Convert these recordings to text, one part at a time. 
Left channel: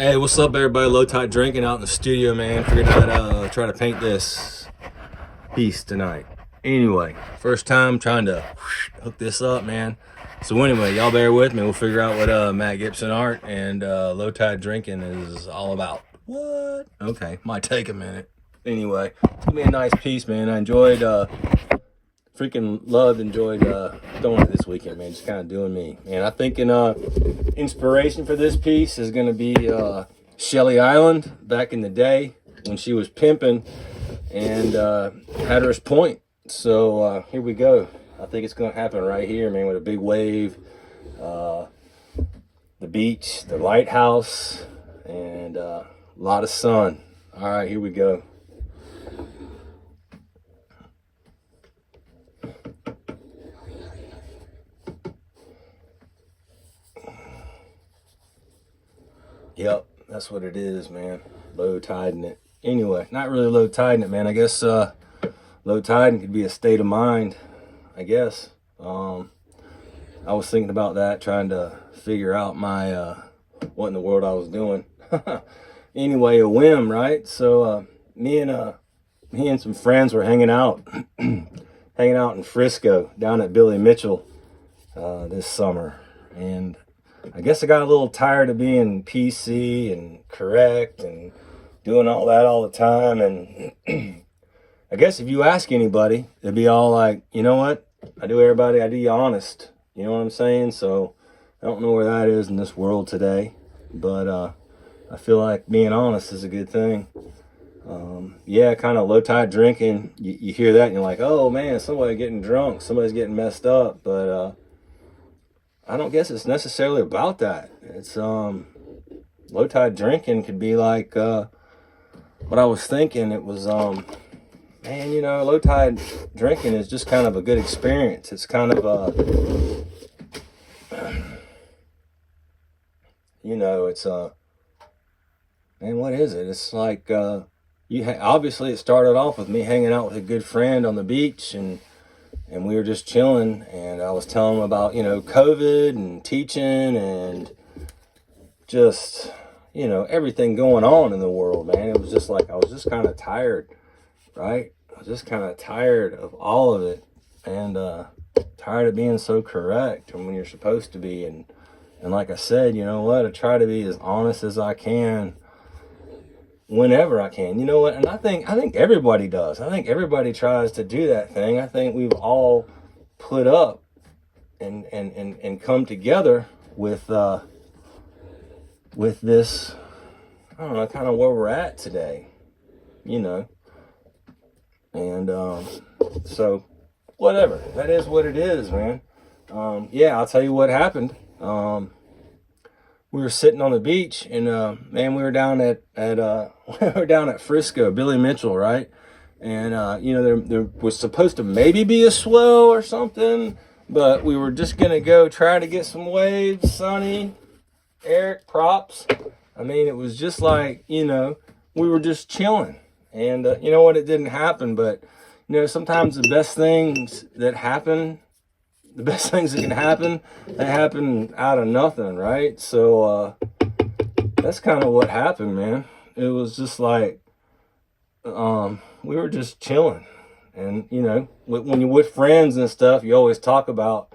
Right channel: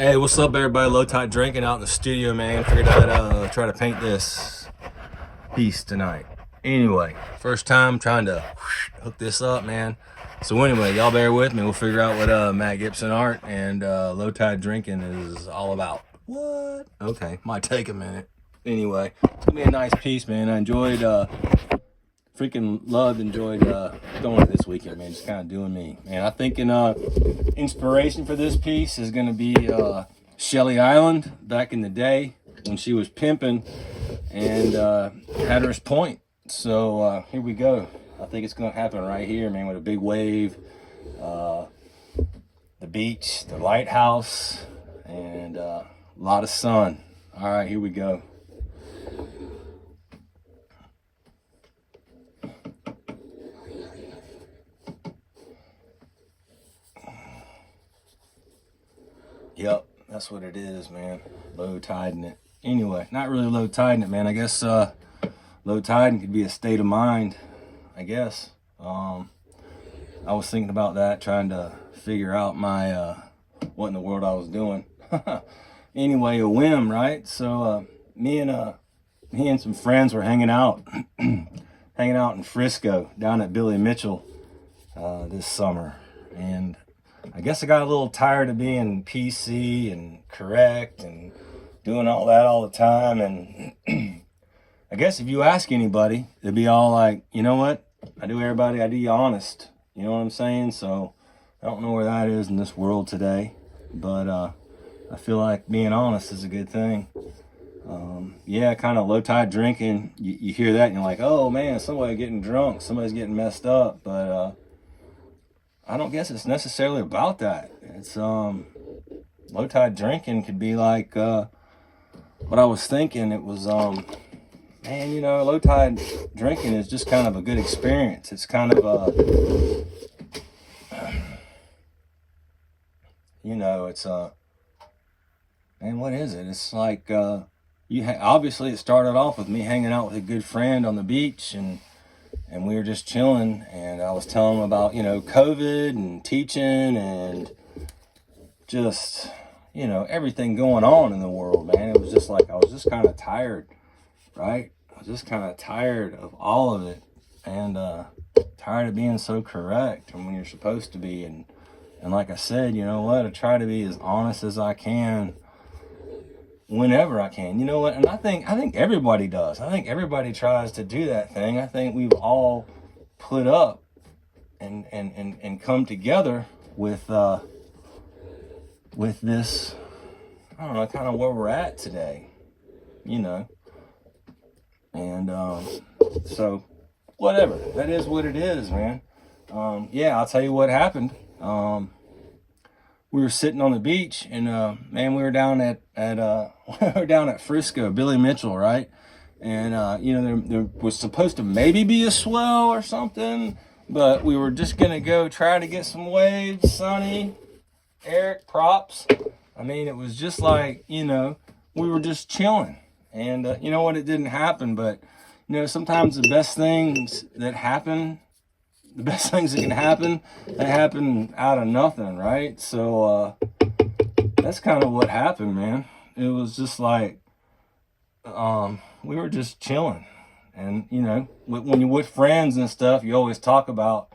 Hey, what's up, everybody? Low Tide Drinking out in the studio, man. Figured I'd try to paint this piece tonight. Anyway, first time trying to hook this up, man. So anyway, y'all bear with me. We'll figure out what Matt Gibson art and Low Tide Drinking is all about. What? Okay, might take a minute. Anyway, it's gonna be a nice piece, man. I enjoyed, enjoyed throwing it this weekend, man. Just kind of doing me. And I think inspiration for this piece is gonna be Shelly Island back in the day when she was pimping and Hatteras Point. So here we go. I think it's gonna happen right here, man, with a big wave, the beach, the lighthouse, and a lot of sun. All right, here we go. Yep, that's what it is, man. Low tiding it. Anyway, not really low tiding it, man. I guess low tiding could be a state of mind, I guess. I was thinking about that, trying to figure out my what in the world I was doing. Anyway, a whim, right? So me and some friends were hanging out in Frisco down at Billy Mitchell this summer, and I guess I got a little tired of being PC and correct and doing all that all the time. And I guess if you ask anybody, they'd be all like, you know what? I do you honest. You know what I'm saying? So I don't know where that is in this world today, but I feel like being honest is a good thing. Yeah, kind of low tide drinking. You hear that and you're like, oh man, somebody getting drunk, somebody's getting messed up. But I don't guess it's necessarily about that. It's low tide drinking could be like what I was thinking. It was man, you know, low tide drinking is just kind of a good experience. It's kind of a, you know, it's man, what is it? It's like obviously it started off with me hanging out with a good friend on the beach, and we were just chilling, and I was telling him about, you know, COVID and teaching and just, you know, everything going on in the world, man. It was just like, I was just kind of tired, right? I was just kind of tired of all of it, and tired of being so correct and when you're supposed to be. And like I said, you know what? I try to be as honest as I can whenever I can, you know what? And I think everybody does. I think everybody tries to do that thing. I think we've all put up and come together with this, I don't know, kind of where we're at today, you know. And so whatever, that is what it is, man. Yeah, I'll tell you what happened. We were sitting on the beach, and man, we were down at we were down at Frisco, Billy Mitchell, right? And you know, there was supposed to maybe be a swell or something, but we were just gonna go try to get some waves. Sunny, Eric, props. I mean, it was just like, you know, we were just chilling, and you know what? It didn't happen, but you know, sometimes the best things that can happen, they happen out of nothing, right? So that's kind of what happened, man. It was just like we were just chilling, and you know, when you're with friends and stuff, you always talk about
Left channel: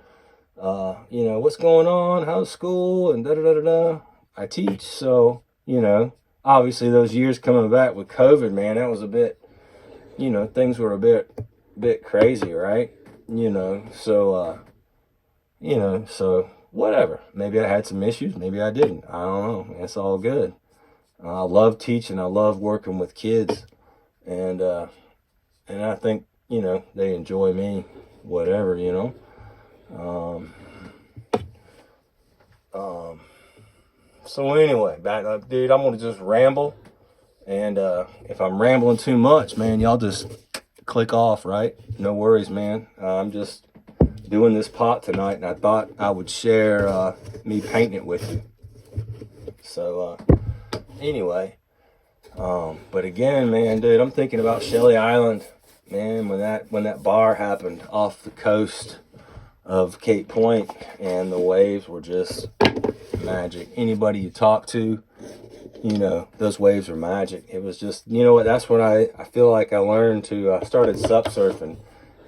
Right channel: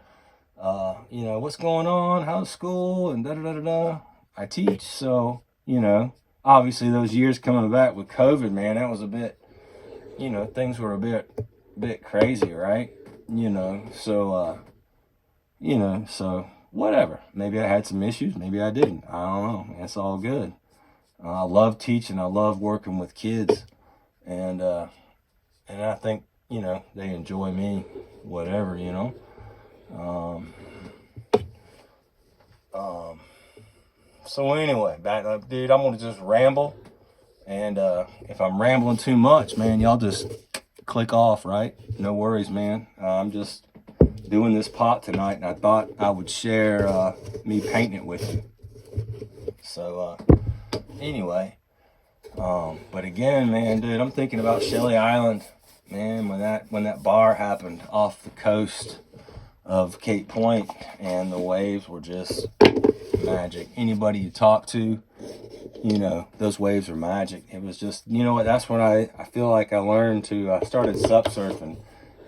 you know, what's going on, how's school, and da da da da da. I teach, so you know, obviously those years coming back with COVID, man, that was a bit, you know, things were a bit crazy, right? You know, so you know, so whatever. Maybe I had some issues, maybe I didn't. I don't know. It's all good. I love teaching. I love working with kids, and I think, you know, they enjoy me, whatever, you know. So anyway, back up, dude. I'm gonna just ramble, and if I'm rambling too much, man, y'all just click off, right? No worries, man. I'm just doing this pot tonight, and I thought I would share me painting it with you. So anyway, but again, man, dude, I'm thinking about Shelly Island, man, when that bar happened off the coast of Cape Point, and the waves were just magic. Anybody you talk to, you know, those waves are magic. It was just, you know what, that's what I feel like I learned to, I started sup surfing,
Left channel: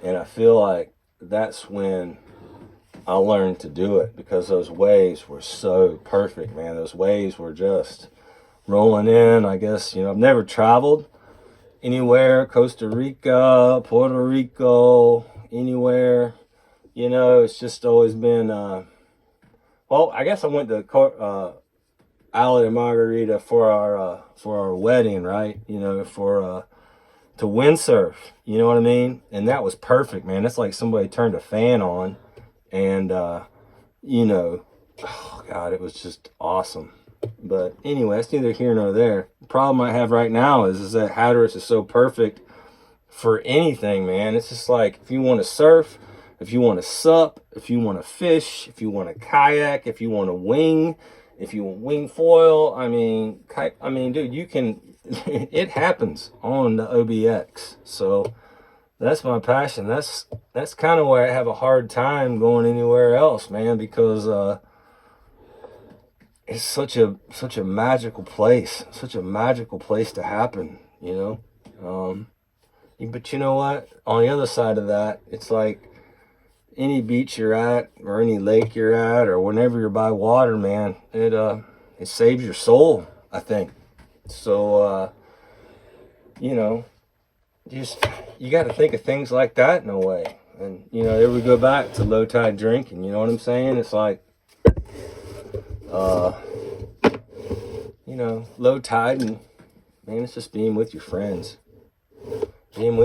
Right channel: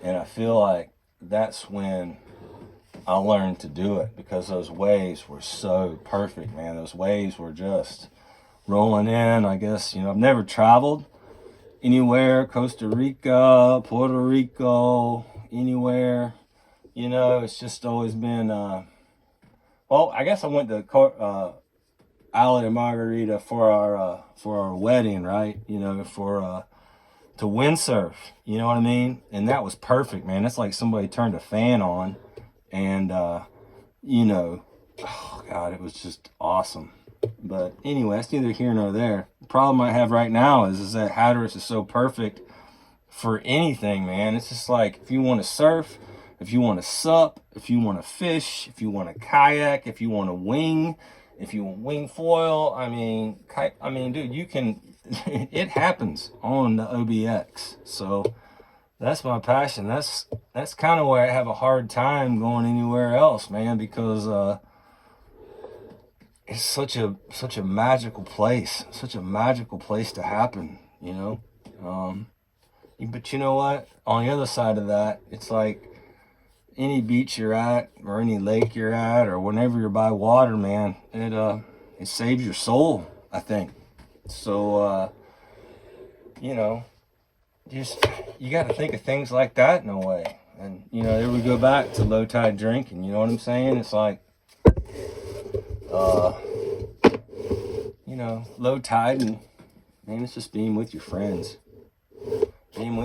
and I feel like that's when I learned to do it, because those waves were so perfect, man. Those waves were just rolling in. I guess, you know, I've never traveled anywhere, Costa Rica, Puerto Rico, anywhere, you know, it's just always been, well, I guess I went to Island of Margarita for our wedding, right? You know, to windsurf, you know what I mean? And that was perfect, man. It's like somebody turned a fan on, and you know, oh God, it was just awesome. But anyway, that's neither here nor there. The problem I have right now is that Hatteras is so perfect for anything, man. It's just like, if you want to surf, if you want to sup, if you want to fish, if you want to kayak, if you want to wing, if you want wing foil, I mean, dude, you can, it happens on the OBX. So that's my passion. That's kind of why I have a hard time going anywhere else, man, because it's such a magical place, such a magical place to happen, you know. But you know what? On the other side of that, it's like any beach you're at, or any lake you're at, or whenever you're by water, man, it saves your soul, I think. So you know, you got to think of things like that in a way. And you know, there we go back to low tide drinking. You know what I'm saying? It's like, you know, low tide, and man, it's just being with your friends, having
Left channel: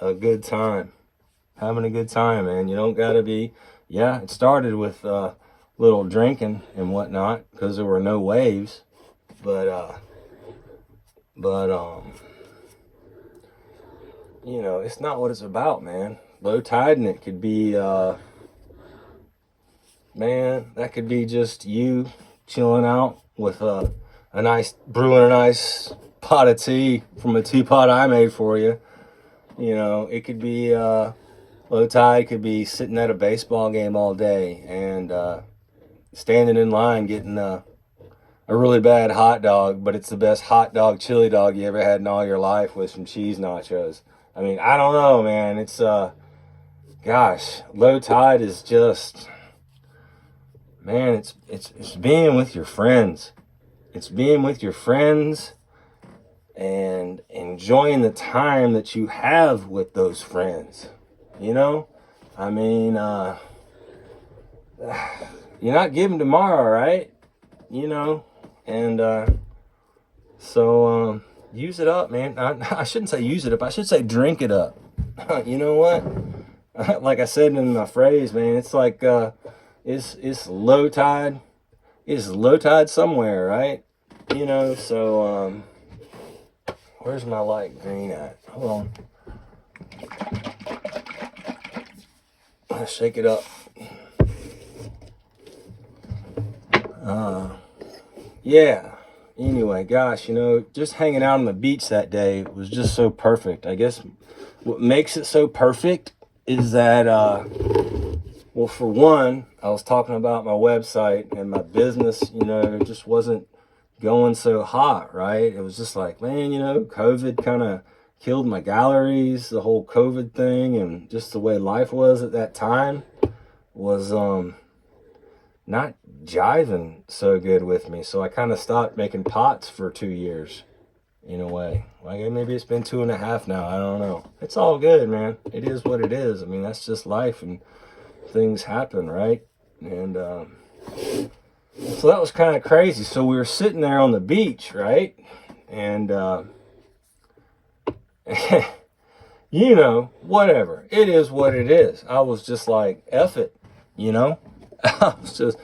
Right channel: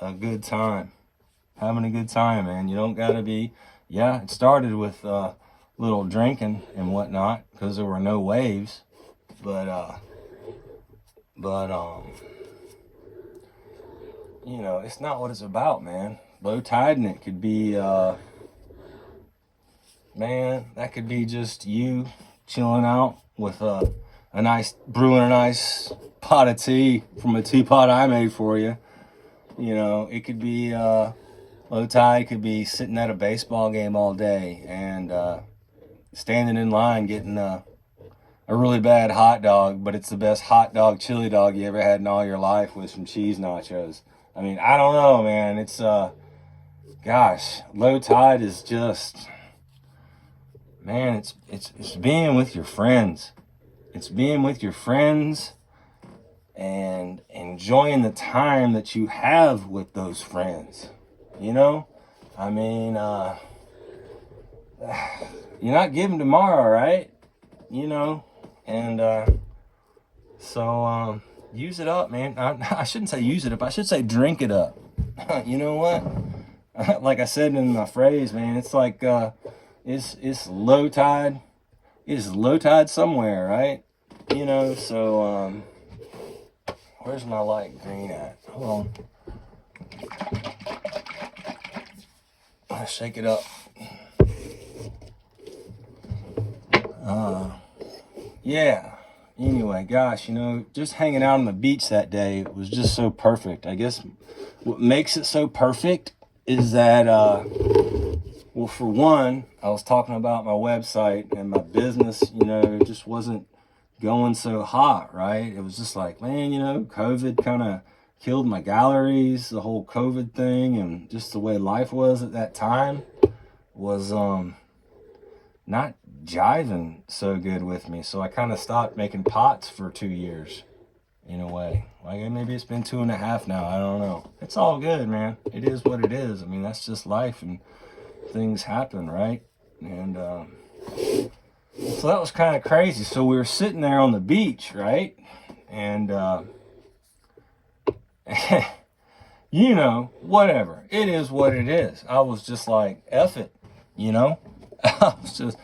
a good time, man. You don't gotta be, yeah, it started with little drinking and whatnot, because there were no waves, but you know, it's not what it's about, man. Low tide, and it could be man, that could be just you chilling out with brewing a nice pot of tea from a teapot I made for you. You know, it could be low tide, could be sitting at a baseball game all day and standing in line getting a really bad hot dog, but it's the best hot dog chili dog you ever had in all your life with some cheese nachos. I mean, I don't know, man. It's gosh, low tide is just, man, it's being with your friends. It's being with your friends and enjoying the time that you have with those friends. You know, I mean, you're not given tomorrow, right? You know, and so use it up, man. I shouldn't say use it up. I should say drink it up. You know what? Like I said in my phrase, man, it's like it's low tide. It's low tide somewhere, right? You know, so where's my light green at? Hold on. Let's shake it up. Yeah. Anyway, gosh, you know, just hanging out on the beach that day was just so perfect. I guess what makes it so perfect is that, well, for one, I was talking about my website and my business, you know, just wasn't going so hot, right? It was just like, man, you know, COVID kind of killed my galleries, the whole COVID thing, and just the way life was at that time was not jiving so good with me. So I kind of stopped making pots for 2 years, in a way. Like, maybe it's been 2.5 now. I don't know. It's all good, man. It is what it is. I mean, that's just life, and things happen, right? And so that was kind of crazy. So we were sitting there on the beach, right? And you know, whatever. It is what it is. I was just like, F it, you know? I was just,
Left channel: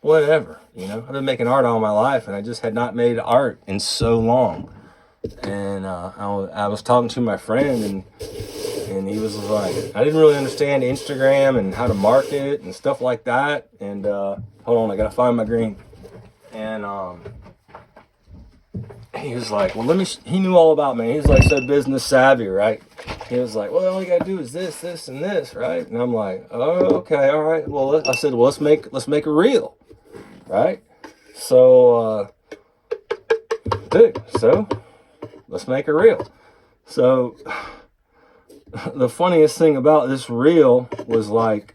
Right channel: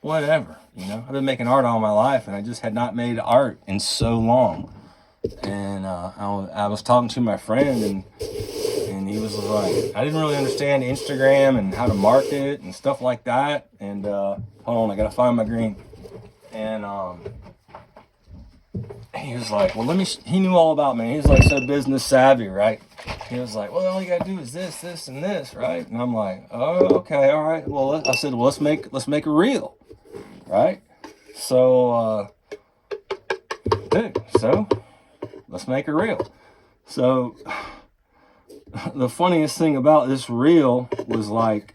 whatever, you know? I've been making art all my life, and I just had not made art in so long. And I was talking to my friend, and he was like, I didn't really understand Instagram and how to market it and stuff like that. And hold on, I gotta find my green. And he was like, well, he knew all about me. He was like so business savvy, right? He was like, well, all you gotta do is this, this, and this, right? And I'm like, oh, okay, all right. Well, I said, well, let's make a reel, right? So, let's make a reel. So the funniest thing about this reel was like,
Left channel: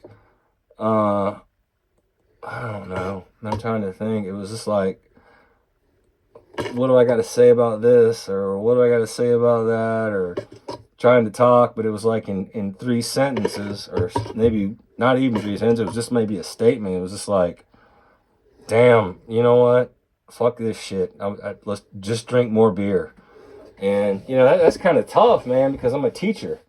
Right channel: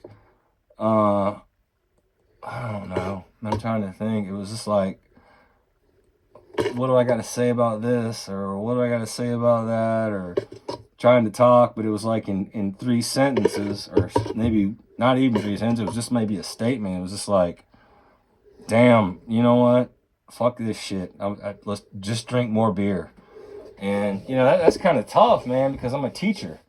I don't know. I'm trying to think. It was just like, what do I got to say about this? Or what do I got to say about that? Or trying to talk, but it was like in 3 sentences, or maybe not even 3 sentences. It was just maybe a statement. It was just like, damn, you know what? Fuck this shit. Let's just drink more beer. And, you know, that's kind of tough, man, because I'm a teacher.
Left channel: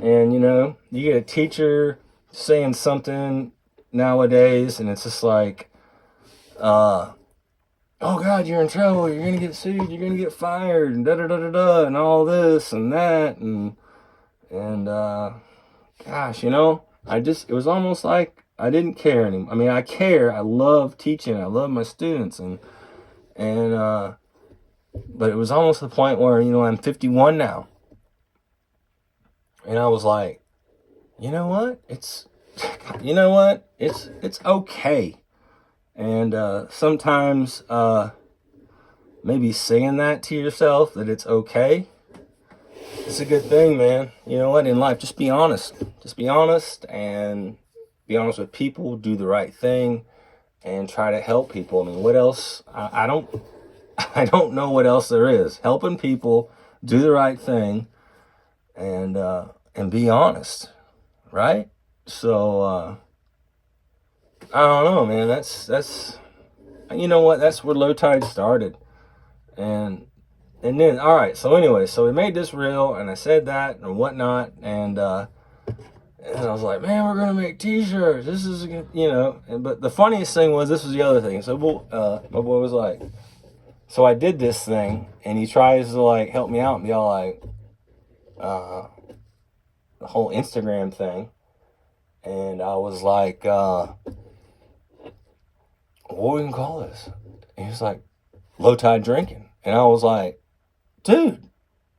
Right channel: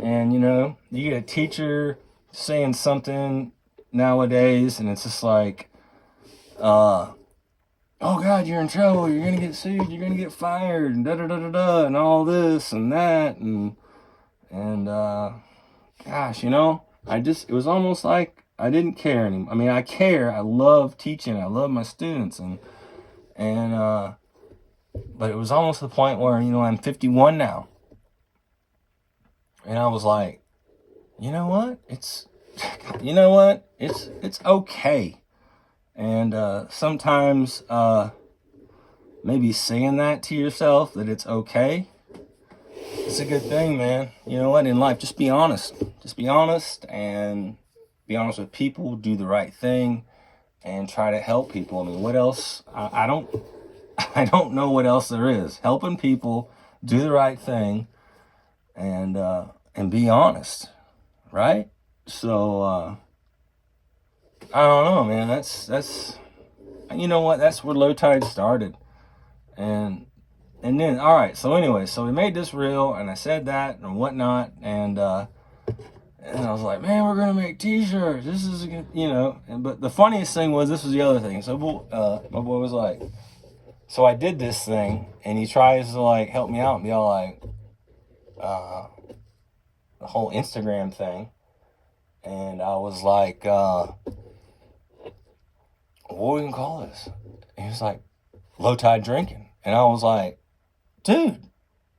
And, you know, you get a teacher saying something nowadays, and it's just like, oh God, you're in trouble, you're gonna get sued, you're gonna get fired, and da da da da da, and all this and that, and gosh, you know, it was almost like I didn't care anymore. I mean, I care, I love teaching, I love my students, and but it was almost the point where, you know, I'm 51 now, and I was like, you know what, it's okay. And sometimes maybe saying that to yourself, that it's okay, it's a good thing, man. You know what, in life, just be honest. Just be honest, and be honest with people, do the right thing, and try to help people. I mean, what else? I don't know what else there is. Helping people, do the right thing, and be honest, right? So, I don't know, man. That's you know what? That's where Low Tide started, and then all right. So anyway, so we made this reel, and I said that and whatnot, and I was like, man, we're gonna make T-shirts. This is a good, you know. But the funniest thing was, this was the other thing. So my boy was like, so I did this thing, and he tries to like help me out and be all like, the whole Instagram thing, and I was like, what we can call this? And he was like, Low Tide Drinking. And I was like, dude,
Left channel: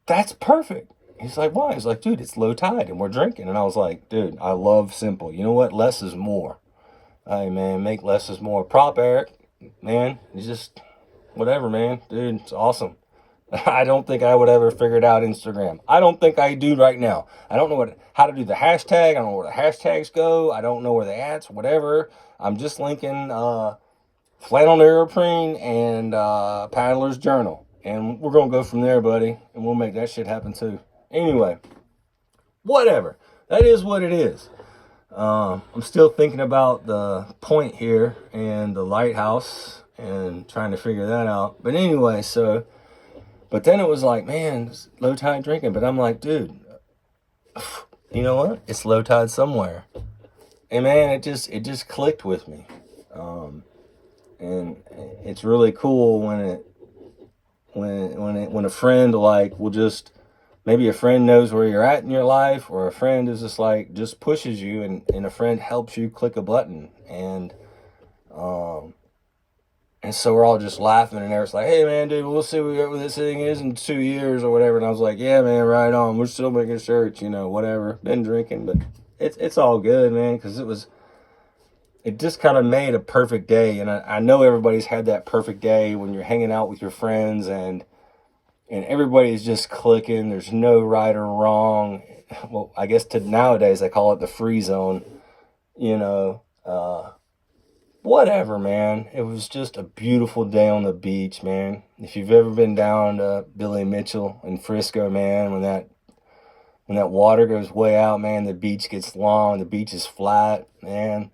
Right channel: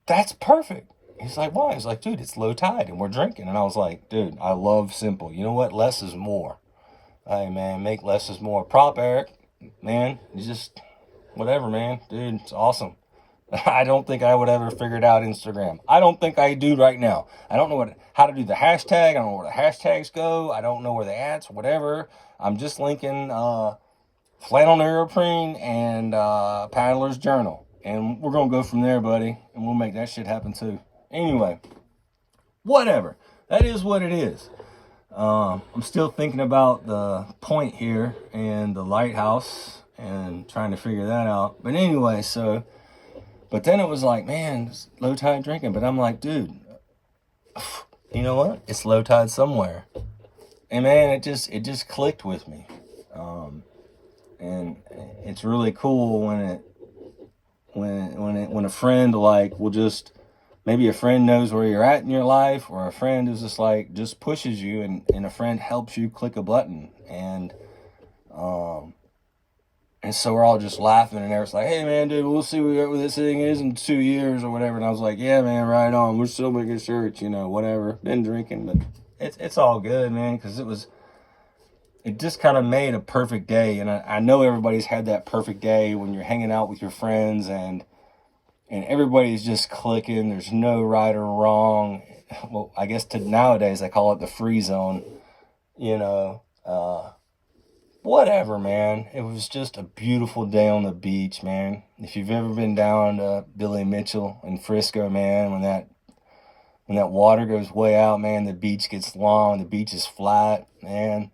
that's perfect. He's like, why? He's like, dude, it's low tide and we're drinking. And I was like, dude, I love simple. You know what? Less is more. Hey, man, make less is more. Prop Eric, man, you just, whatever, man. Dude, it's awesome. I don't think I would ever figure out Instagram. I don't think I do right now. I don't know how to do the hashtag. I don't know where the hashtags go. I don't know where the ads, whatever. I'm just linking Flannel Neoprene and Paddler's Journal. And we're going to go from there, buddy. And we'll make that shit happen too. Anyway, whatever. That is what it is. I'm still thinking about the point here and the lighthouse and trying to figure that out. But anyway, but then it was like, man, it's Low Tide Drinking. But I'm like, dude, you know what? It's low tide somewhere. And man, it just clicked with me. And it's really cool when a friend like will just, maybe a friend knows where you're at in your life, or a friend is just like, just pushes you, and a friend helps you click a button. And so we're all just laughing, and Eric's like, hey man, dude, we'll see what this thing is in 2 years or whatever. And I was like, yeah man, right on, we're still making shirts, you know, whatever, been drinking, but it's all good, man, because it just kind of made a perfect day. And I know everybody's had that perfect day when you're hanging out with your friends and everybody's just clicking. There's no right or wrong. Well, I guess nowadays I call it the free zone, you know, whatever, man. It was just a beautiful day on the beach, man. If you've ever been down to Billy Mitchell in Frisco, man, when that water goes way out, man, the beach gets long, the beach is flat, man.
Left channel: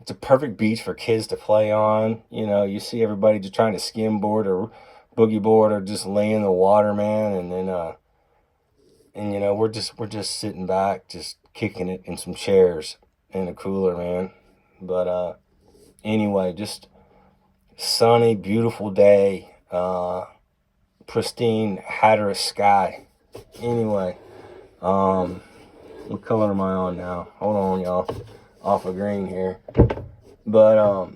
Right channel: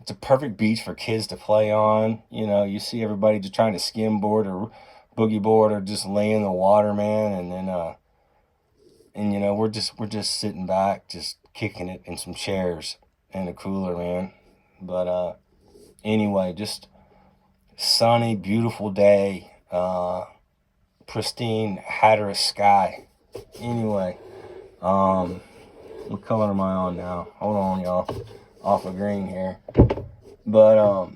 It's a perfect beach for kids to play on. You know, you see everybody just trying to skimboard or boogie board or just lay in the water, man. And then, you know, we're just sitting back, just kicking it in some chairs in the cooler, man. But, anyway, just sunny, beautiful day, pristine Hatteras sky. Anyway, what color am I on now? Hold on, y'all. Off of green here. But, oh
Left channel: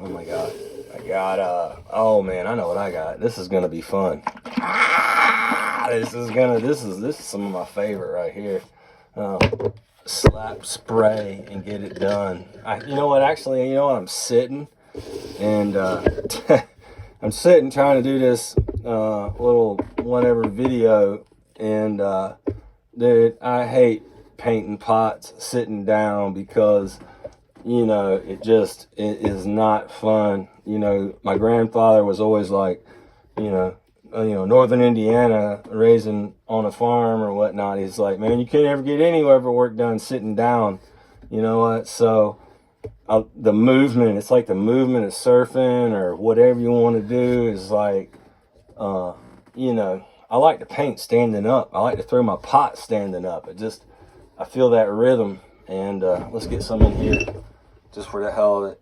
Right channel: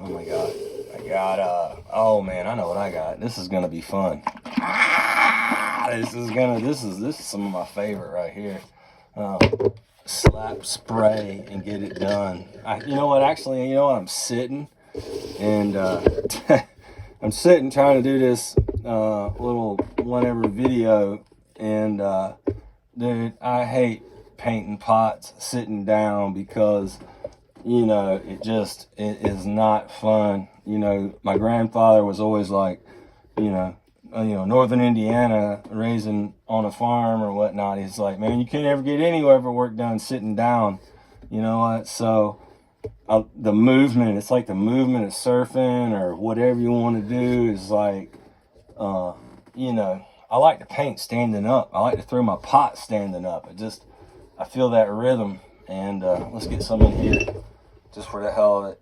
my God, I got, oh man, I know what I got. This is gonna be fun. This is some of my favorite right here. Slap spray and get it done. You know what, actually, you know what, I'm sitting and I'm sitting trying to do this little whatever video, and dude, I hate painting pots sitting down because, you know, it is not fun. You know, my grandfather was always like, you know, Northern Indiana, raising on a farm or whatnot. He's like, man, you can't ever get any ever work done sitting down. You know what? So the movement, it's like the movement of surfing or whatever you want to do is like, you know, I like to paint standing up. I like to throw my pot standing up. I feel that rhythm. And let's get some in here just for the hell of it.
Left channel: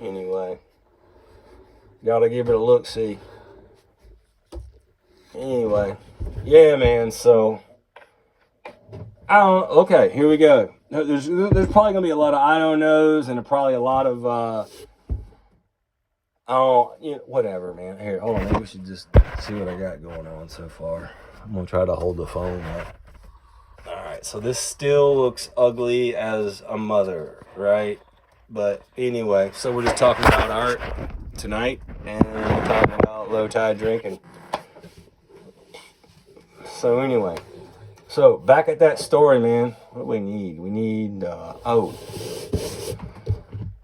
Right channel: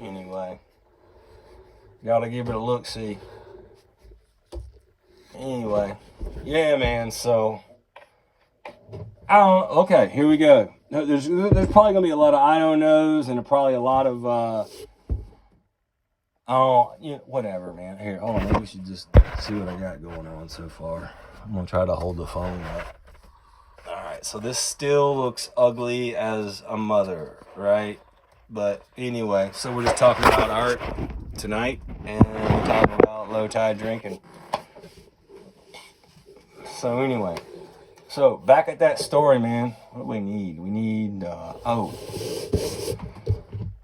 Anyway, gotta give it a look see. Anyway, yeah, man. So okay, here we go. There's probably gonna be a lot of I don't knows and probably a lot of whatever, man. Here, hold on. We should just see what I got going on so far. I'm gonna try to hold the phone up. All right, so this still looks ugly as a mother, right? But anyway, so we're just talking about art tonight, and we're talking about low tide drinking. So anyway, so back at that story, man. What do we need? We need hold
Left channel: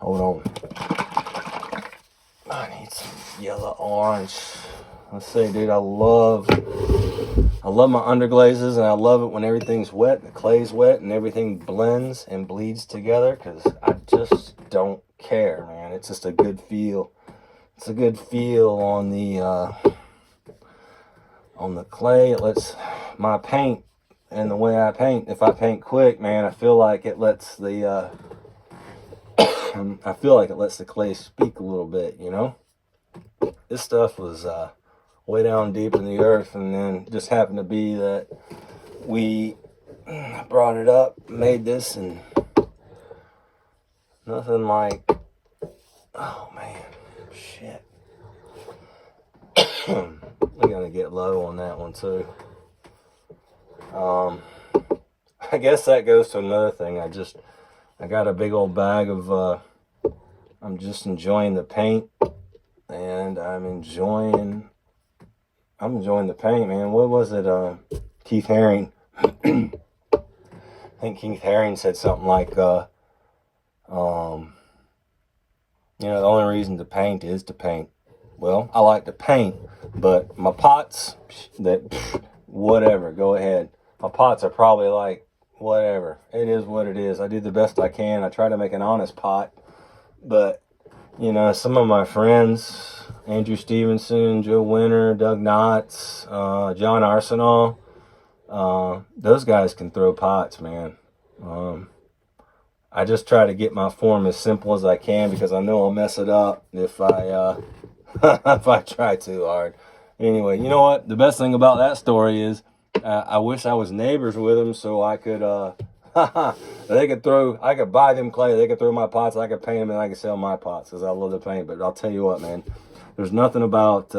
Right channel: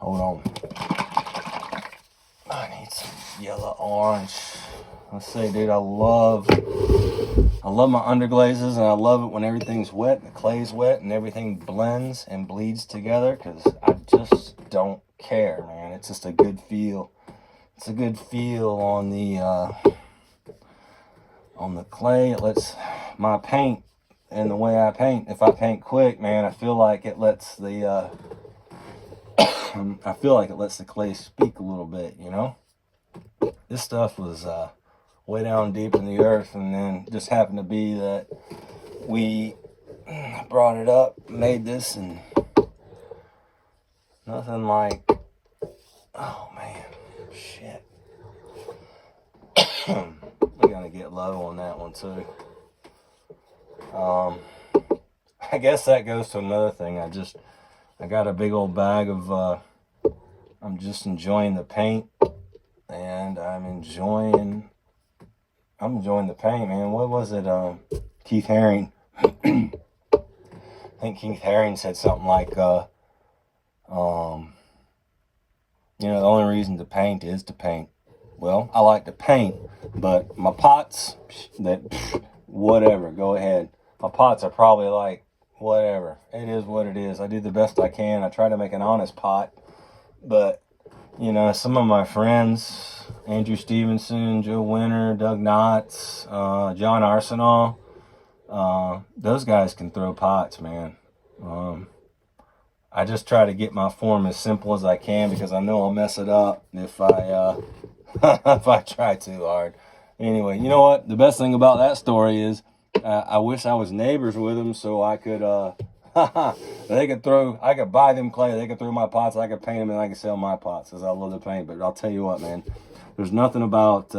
on. I need some yellow orange. Let's say, dude, I love my underglazes, and I love it when everything's wet, and the clay's wet, and everything blends and bleeds together, because I just don't care, man. It's just a good feel. It's a good feel on the clay. It lets my paint, and the way I paint, if I paint quick, man, I feel like it lets the clay speak a little bit, you know? This stuff was way down deep in the earth, and then just happened to be that we brought it up, made this, and nothing like, oh man, shit. We're gonna get low on that one too. I guess that goes to another thing. I got a big old bag of I'm just enjoying the paint, and I'm enjoying the paint, man. What was it? Keith Haring. I think Keith Haring said something like, you know, the only reason to paint is to paint. Well, I like to paint, but my pots, whatever, go ahead. My pots are probably like, whatever. It is what it is. I do the best I can. I try to make an honest pot, but you know, some of my friends, Andrew Stevenson, Joe Winter, Doug Knotts, John Arsenal, those guys can throw pots, man. I just try to get my form as simple as I can, because I know I'll mess it up if I if I try too hard. Anyway, you know what? The best thing about that story is I wish I was neighbors with them, so I could I could buy them clay, they could throw my pots, I could paint them, and I could sell my pots, because I love to paint. But I'll tell you what, man, there's nothing about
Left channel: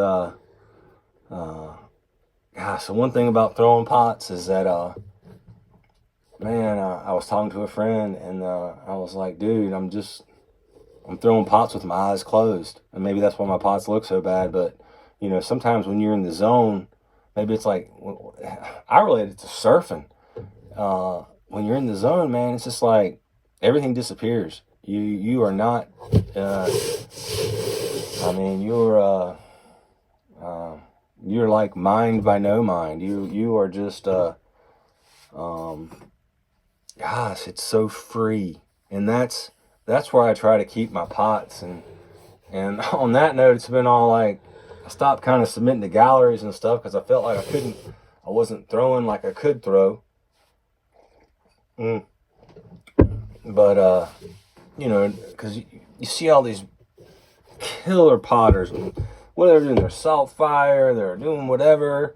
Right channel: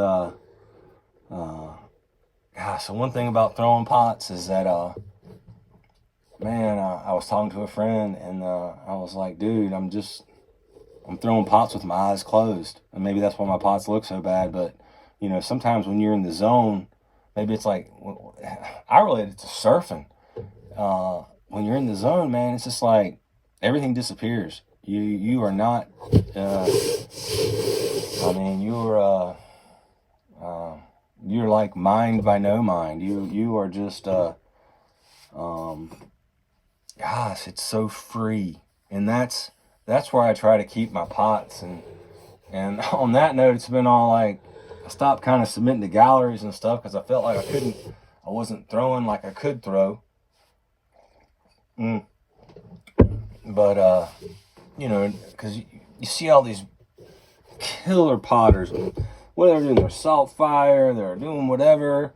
gosh, the one thing about throwing pots is that man, I was talking to a friend, and I was like, dude, I'm throwing pots with my eyes closed, and maybe that's why my pots look so bad. But you know, sometimes when you're in the zone, maybe it's like, I relate it to surfing. When you're in the zone, man, it's just like everything disappears. You are not. I mean, you're like mind by no mind. You are just. Gosh, it's so free, and that's where I try to keep my pots. And on that note, it's been all like, I stopped kind of submitting to galleries and stuff, because I felt like I wasn't throwing like I could throw. But you know, because you see all these killer potters, whatever, they're salt fire, they're doing whatever,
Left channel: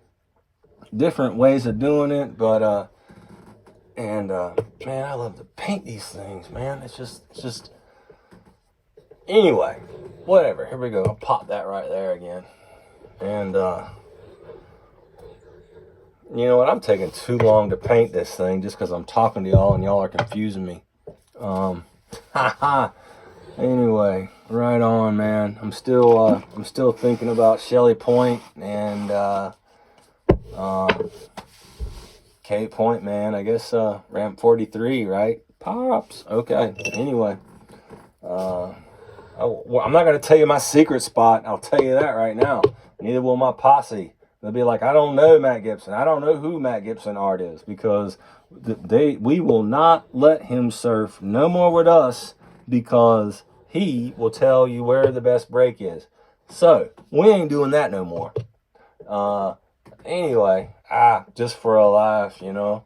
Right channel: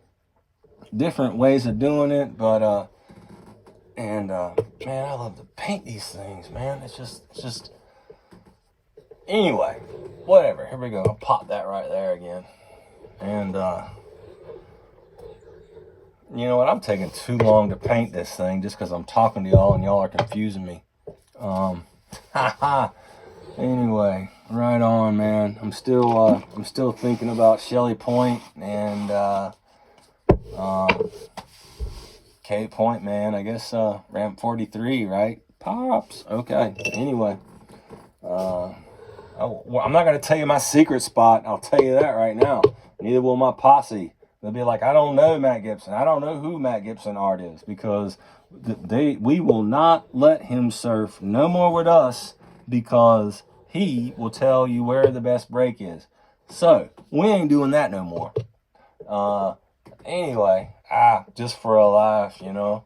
different ways of doing it. But And man, I love to paint these things, man. It's just anyway, whatever. Here we go. I'll pop that right there again. And you know what? I'm taking too long to paint this thing just because I'm talking to y'all and y'all are confusing me. Anyway, right on, man. I'm still thinking about Shelly Point and K Point, man. I guess ramp 43, right? Pops. Okay. Anyway, I'm not gonna tell you my secret spot. I'll tell you that right now. Neither will my posse. They'll be like, I don't know Matt Gibson. I don't know who Matt Gibson art is, because we will not let him surf no more with us, because he will tell you where the best break is. So we ain't doing that no more. Anyway, just for a laugh, you know.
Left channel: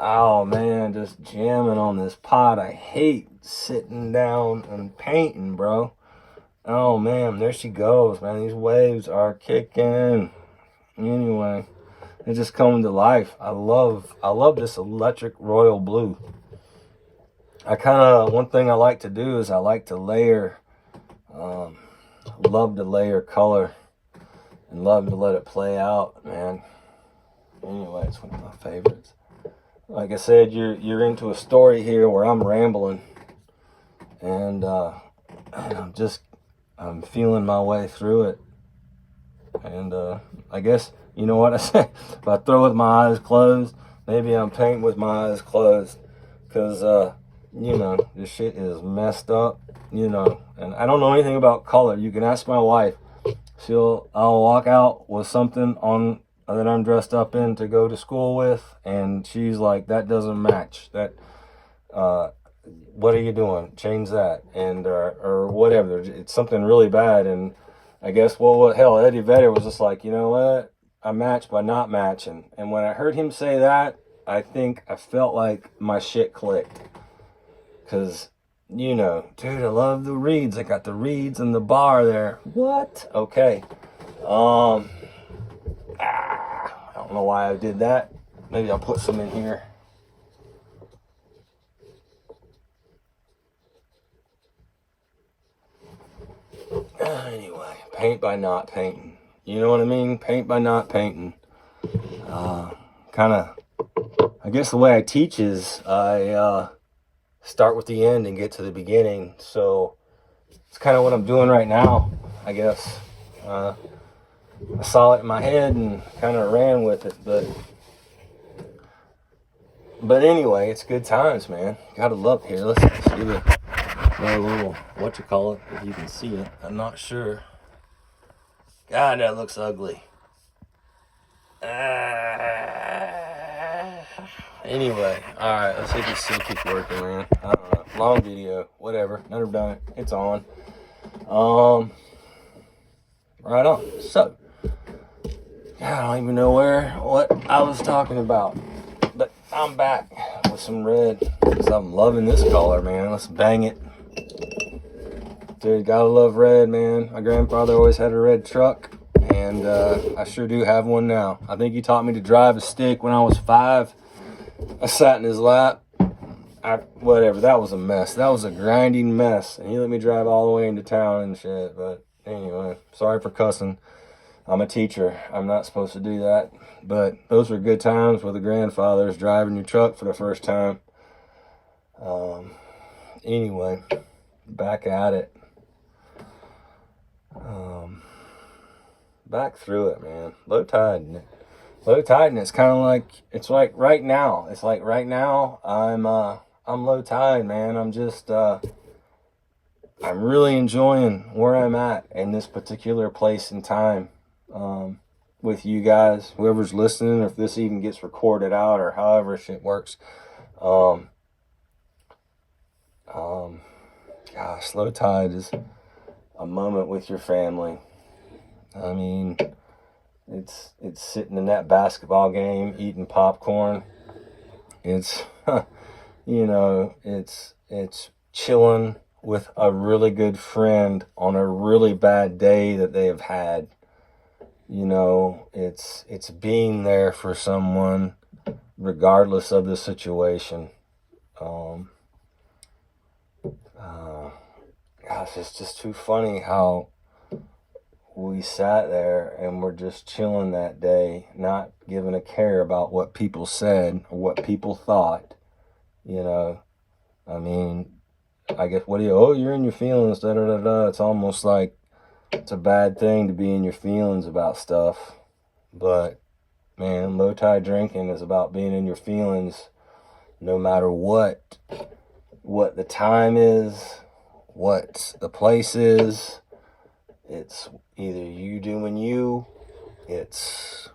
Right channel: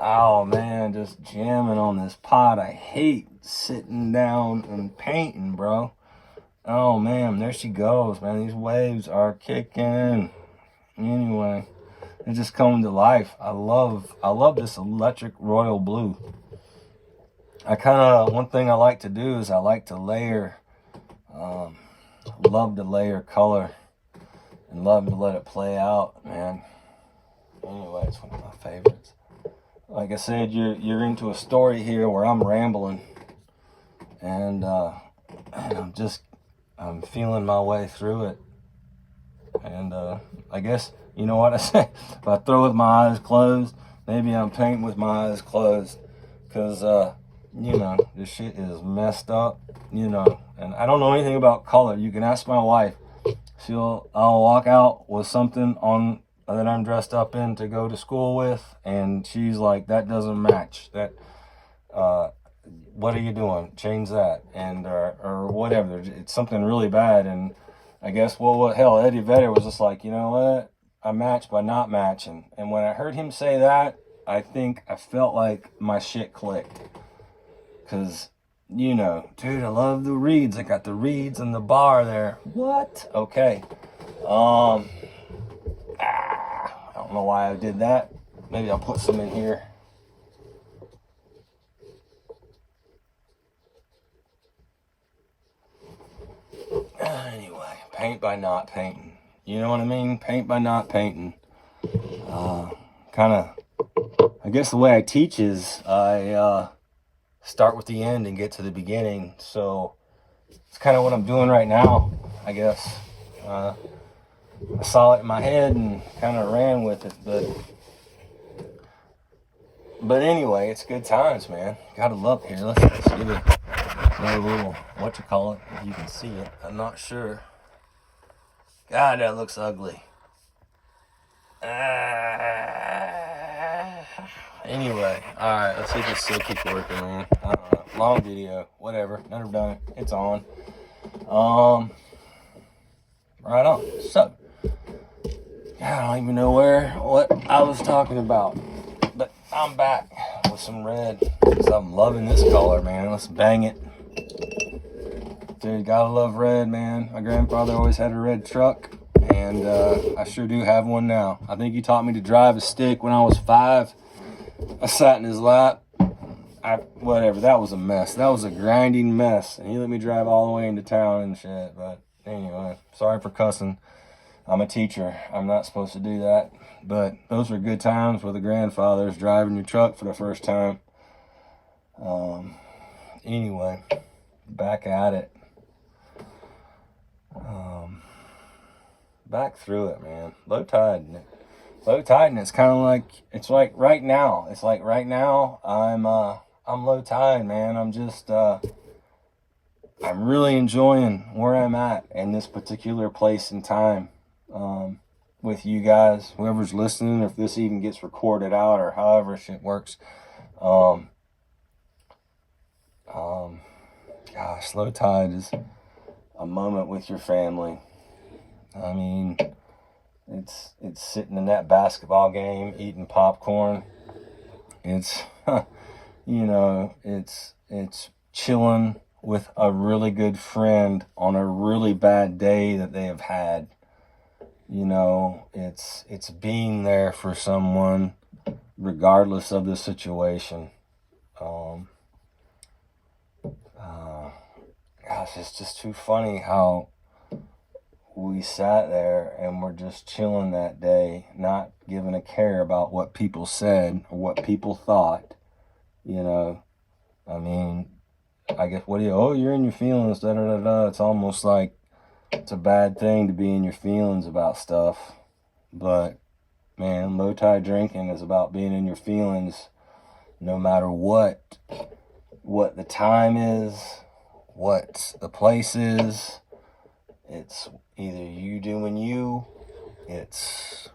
Oh man, just jamming on this pot. I hate sitting down and painting, bro. Oh man, there she goes, man. These waves are kicking. Anyway, it's just coming to life. I love this electric royal blue. One thing I like to do is I like to layer, love to layer color and love to let it play out, man. Anyway, it's one of my favorites. Like I said, you're into a story here where I'm rambling, and I'm feeling my way through it. And I guess, you know what I said, if I throw with my eyes closed, maybe I'm painting with my eyes closed, because you know, this shit is messed up, you know, and I don't know anything about color. You can ask my wife. I'll walk out with something on that I'm dressed up in to go to school with, and she's like, that doesn't match. That what are you doing? Change that. And or whatever. It's something really bad. And I guess, well, what hell, Eddie Vedder was just like, you know what? I match by not matching. And when I heard him say that, I think I felt like my shit clicked. Because, you know, dude, I love the reeds. I got the reeds and the bar there. What? Okay. I don't know why I did that. Maybe I'll put some in here. Anyway, paint by not painting. You know what I mean? Paint by not painting. I guess the way I teach is I start with the end and get to the beginning. So it's kind of what I'm doing right now, I guess. I saw it in my head and kind of ran with it, but anyway, it's good times, man. Gotta love here. Let's see a little what you call it, if you can see it. I'm not sure. God, that looks ugly. Anyway, all right, let's see if this still keeps working, man. I don't know. Long video, whatever. Never done it. It's on. Right on. So, I don't even know what I was talking about, but I'm back with some red because I'm loving this color, man. Let's bang it. Dude, gotta love red, man. My grandfather always had a red truck, and I sure do have one now. I think he taught me to drive a stick when I was 5. I sat in his lap. Whatever, that was a mess. That was a grinding mess. And he let me drive all the way into town and shit. But anyway, sorry for cussing. I'm a teacher. I'm not supposed to do that. But those were good times with the grandfathers driving your truck for the first time. Anyway, back at it. Back through it, man. Low tide. Low tide, and it's kind of like, it's like right now. It's like right now, I'm low tide, man. I'm just, I'm really enjoying where I'm at in this particular place and time, with you guys, whoever's listening, or if this even gets recorded out, or however shit works. Gosh, low tide is a moment with your family. I mean, it's sitting in that basketball game, eating popcorn. It's, you know, it's chilling with a really good friend on a really bad day that they have had. You know, it's being there for someone regardless of the situation. Gosh, it's just too funny how we sat there and were just chilling that day, not giving a care about what people said or what people thought. You know, I mean, I guess, you're in your feelings, da da da da. It's almost like it's a bad thing to be in your feelings about stuff. But man, low tide drinking is about being in your feelings no matter what the time is, what the place is. It's either you doing you, it's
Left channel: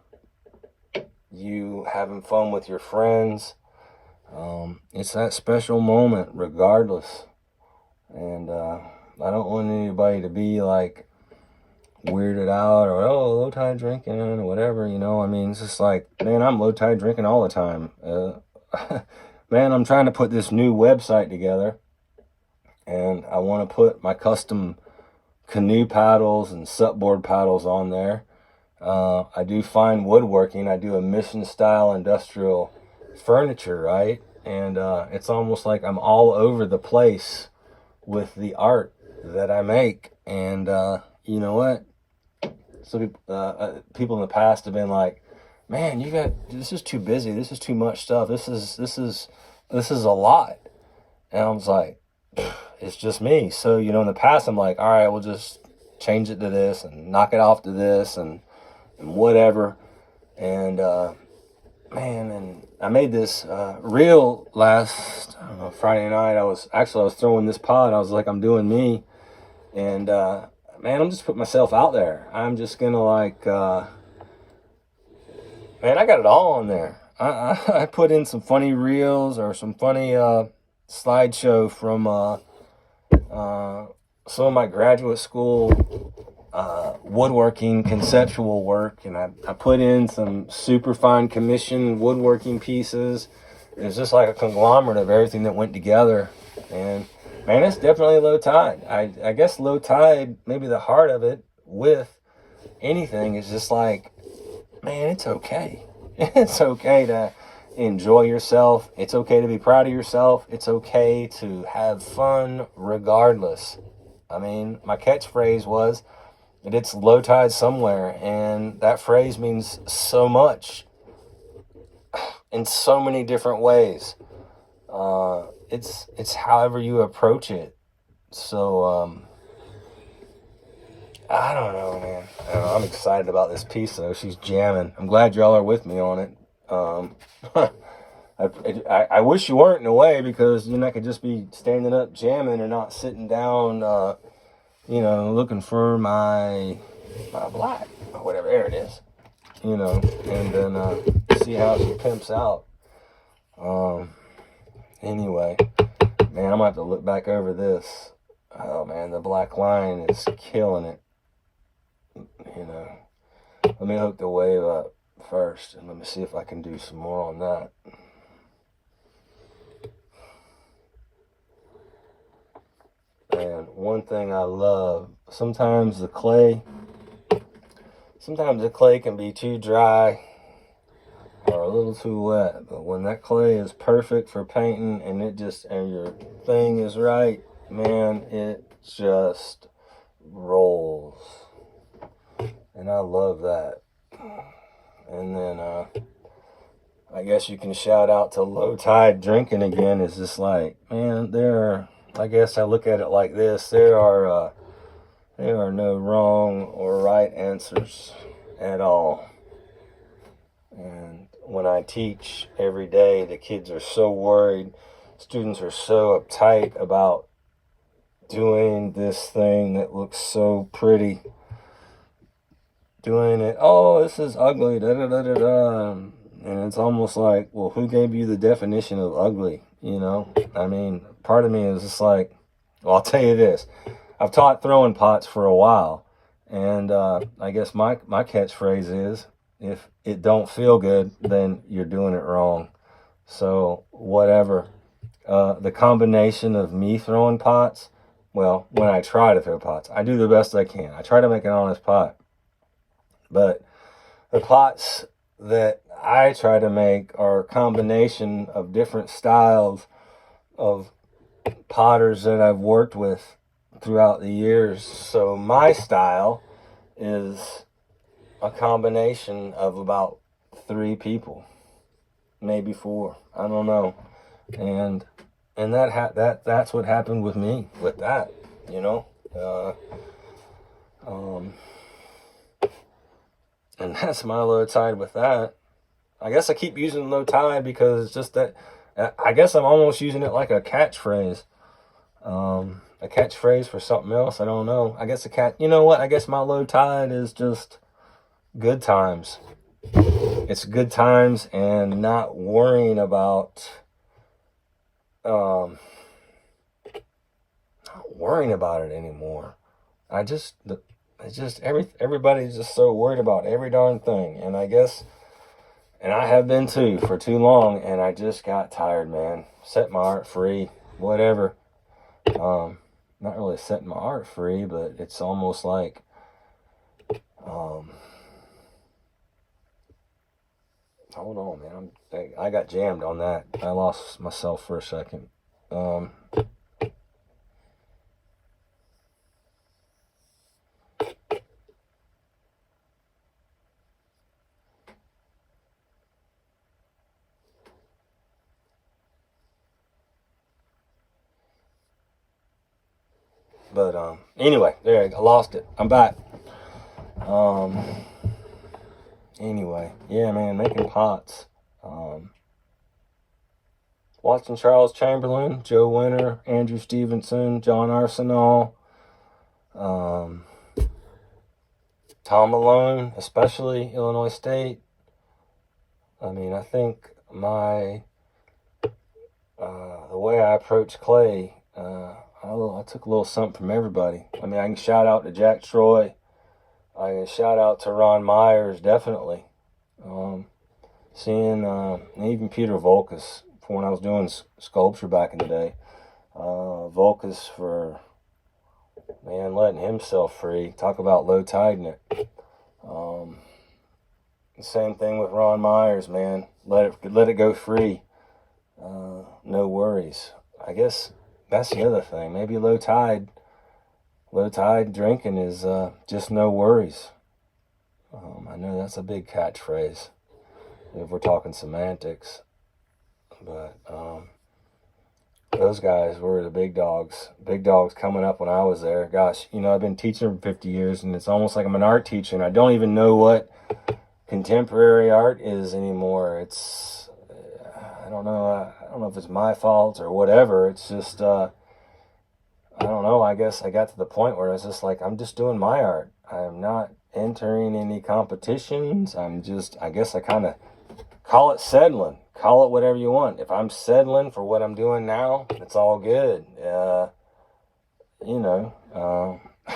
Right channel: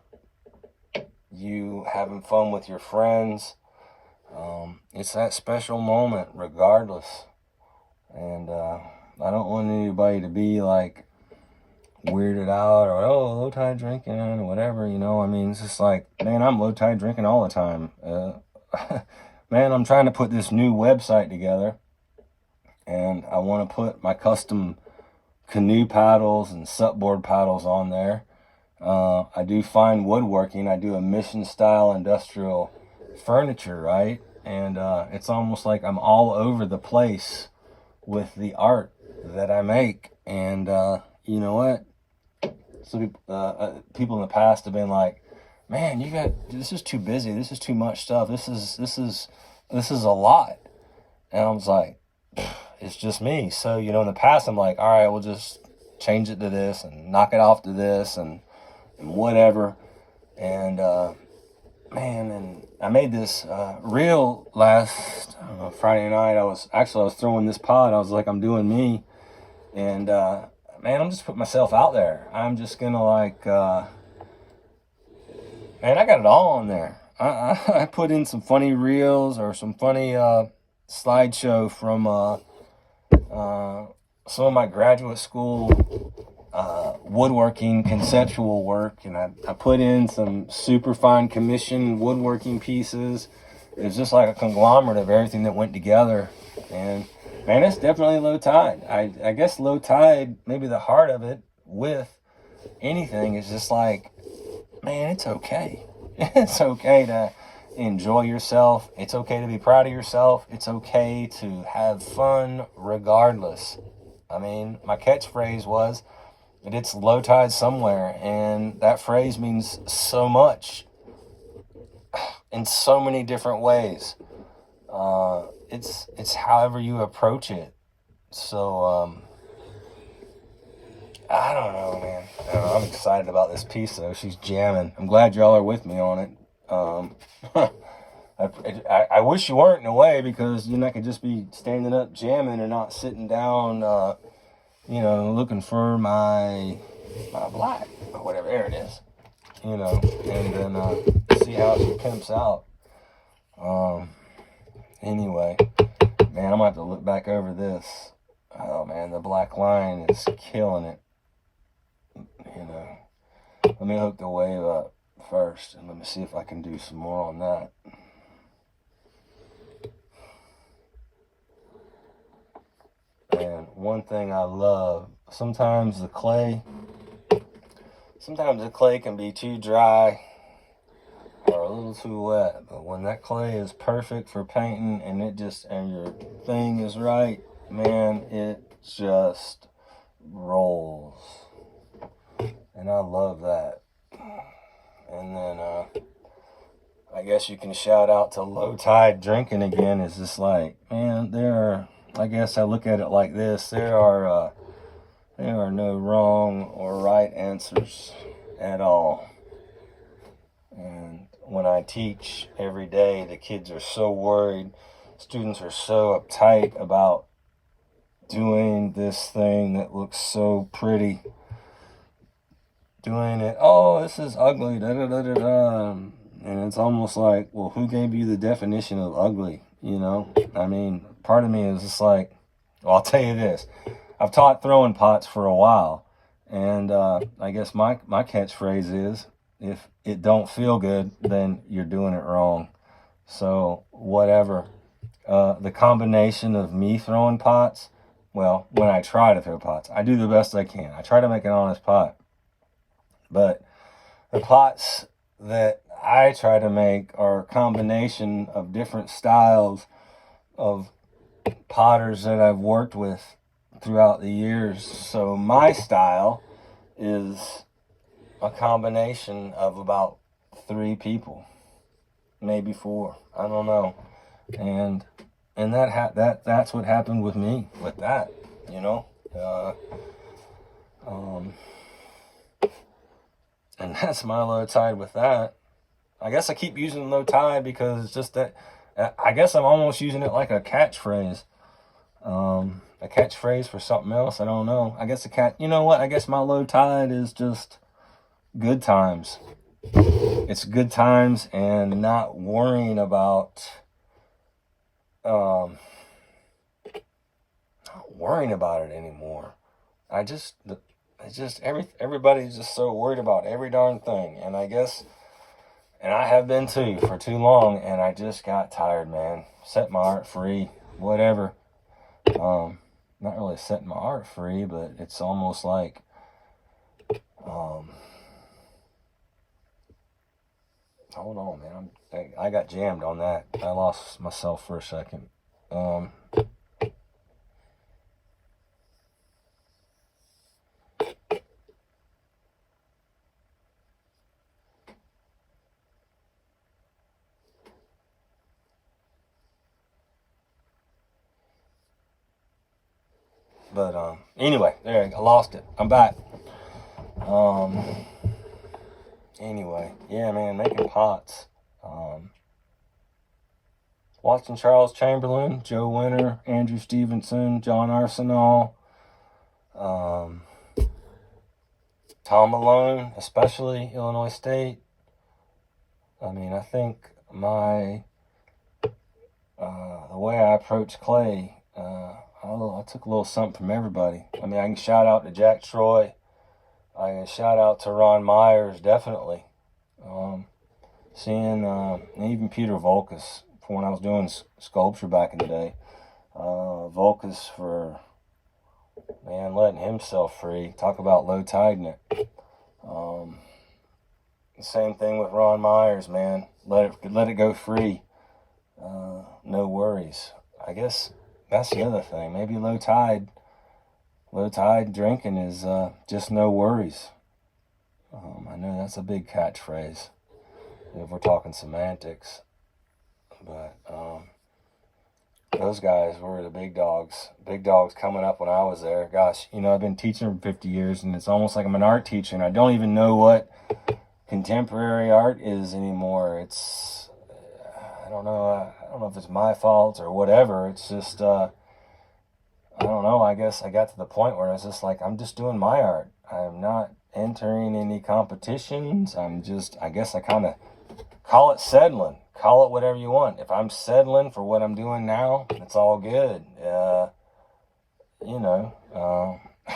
you having fun with your friends. It's that special moment regardless. And I don't want anybody to be like weirded out or, oh, low tide drinking or whatever, you know. I mean, it's just like, man, I'm low tide drinking all the time. Man, I'm trying to put this new website together, and I want to put my custom canoe paddles and supboard paddles on there. I do fine woodworking. I do a mission style industrial furniture, right? And it's almost like I'm all over the place with the art that I make. And you know what? So people in the past have been like, man, this is too busy. This is too much stuff. This is a lot. And I was like, it's just me. So, you know, in the past, I'm like, all right, we'll just change it to this and knock it off to this and whatever. And, man, and I made this reel last Friday night. I was throwing this pod. I was like, I'm doing me. And, man, I'm just putting myself out there. I'm just going to like, man, I got it all on there. I put in some funny reels or some funny slideshow from some of my graduate school woodworking conceptual work, and I put in some super fine commission woodworking pieces. It was just like a conglomerate of everything that went together. And man, it's definitely low tide. I guess low tide, maybe the heart of it with anything is just like, man, it's okay. It's okay to enjoy yourself. It's okay to be proud of yourself. It's okay to have fun regardless. I mean, my catchphrase was, it's low tide somewhere. And that phrase means so much in so many different ways. It's however you approach it. So, I don't know, man. I'm excited about this piece, though. She's jamming. I'm glad y'all are with me on it. I wish you weren't, in a way, because I could just be standing up jamming and not sitting down, you know, looking for my black or whatever. There it is. You know, and then see how she pimps out. Anyway, man, I'm gonna have to look back over this. Oh man, the black line is killing it. You know, let me hook the wave up first, and let me see if I can do some more on that. And one thing I love, sometimes the clay can be too dry or a little too wet, but when that clay is perfect for painting and your thing is right, man, it just rolls. And I love that. And then I guess you can shout out to low tide drinking again. It's just like, man, I guess I look at it like this. There are no wrong or right answers at all. And when I teach every day, the kids are so worried. Students are so uptight about doing this thing that looks so pretty. Doing it, oh, this is ugly, da da da da da. And it's almost like, well, who gave you the definition of ugly? You know, I mean, part of me is just like, well, I'll tell you this. I've taught throwing pots for a while, and I guess my catchphrase is, if it don't feel good, then you're doing it wrong. So whatever. The combination of me throwing pots, well, when I try to throw pots, I do the best I can. I try to make an honest pot. But the pots that I try to make are a combination of different styles of potters that I've worked with throughout the years. So my style is a combination of about 3 people, maybe 4. I don't know. And that's what happened with me with that, you know. And that's my low tide with that. I guess I keep using low tide because it's just that, I guess I'm almost using it like a catchphrase. A catchphrase for something else. I don't know. I guess you know what? I guess my low tide is just good times. It's good times and not worrying about, not worrying about it anymore. Everybody's just so worried about every darn thing. And I guess, and I have been too for too long, and I just got tired, man. Set my art free, whatever. Not really setting my art free, but it's almost like, I don't know, man. I got jammed on that. I lost myself for a second. But anyway, there, I lost it. I'm back. Anyway, yeah, man, making pots. Watching Charles Chamberlain, Joe Winter, Andrew Stevenson, John Arsenault, Tom Malone, especially Illinois State. I mean, I think the way I approach clay, I took a little something from everybody. I mean, I can shout out to Jack Troy. I can shout out to Ron Myers, definitely. Seeing even Peter Volkus, for when I was doing sculpture back in the day. Volkus for, man, letting himself free. Talk about low tiding it. Same thing with Ron Myers, man. Let it go free. No worries. I guess that's the other thing. Maybe low tide drinking is just no worries. I know that's a big catchphrase if we're talking semantics, but those guys were the big dogs coming up when I was there. Gosh, you know, I've been teaching for 50 years, and it's almost like I'm an art teacher, and I don't even know what contemporary art is anymore. It's, I don't know if it's my fault or whatever. It's just I don't know. I guess I got to the point where I was just like, I'm just doing my art. I'm not entering any competitions. I guess I kind of call it settling. Call it whatever you want. If I'm settling for what I'm doing now, it's all good. You know,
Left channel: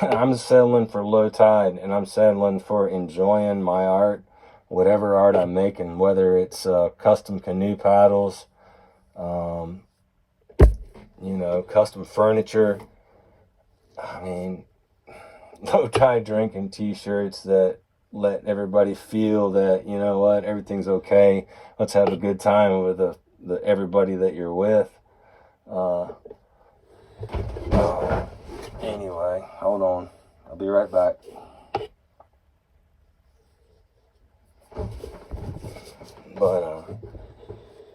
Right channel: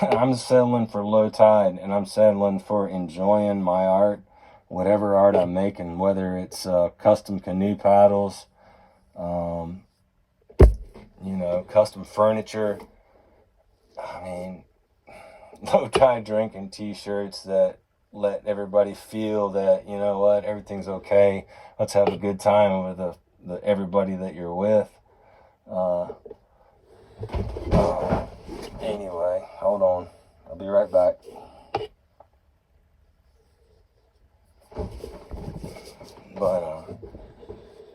I'm settling for low tide, and I'm settling for enjoying my art, whatever art I'm making, whether it's custom canoe paddles, you know, custom furniture. I mean, low tide drinking t-shirts that let everybody feel that, you know what, everything's okay. Let's have a good time with the everybody that you're with. Anyway, hold on. I'll be right back. But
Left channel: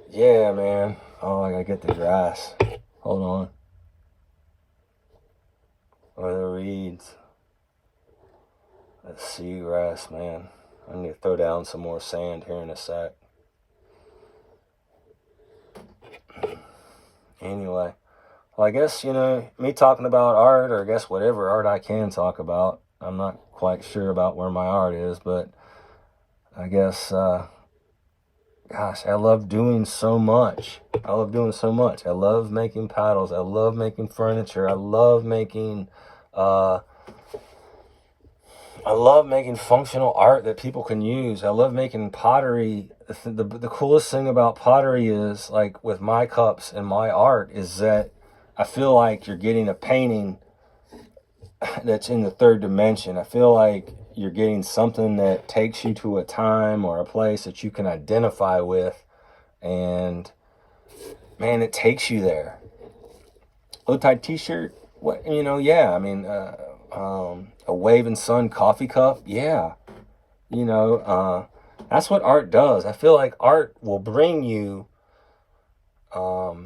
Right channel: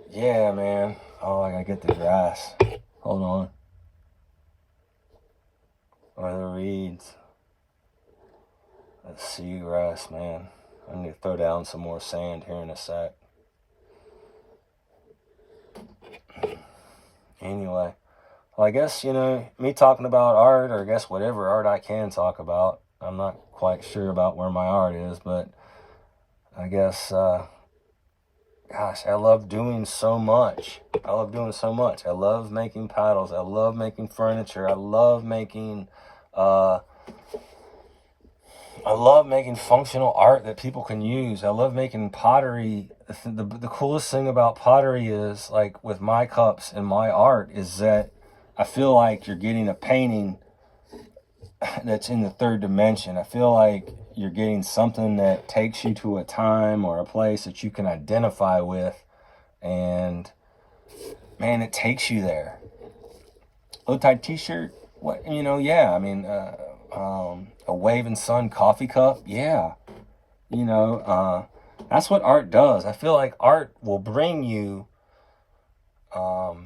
yeah, man. Oh, I gotta get the grass. Hold on. Or the reeds. The seagrass, man. I need to throw down some more sand here in a sec. Anyway, well, I guess, you know, me talking about art, or I guess whatever art I can talk about. I'm not quite sure about where my art is, but I guess, gosh, I love doing so much. I love making paddles. I love making furniture. I love making functional art that people can use. I love making pottery. The coolest thing about pottery is, like with my cups and my art, is that I feel like you're getting a painting that's in the third dimension. I feel like you're getting something that takes you to a time or a place that you can identify with, and man, it takes you there. Low Tide t-shirt, what, yeah, I mean, a Waving Sun coffee cup, yeah, that's what art does. I feel like art will bring you, art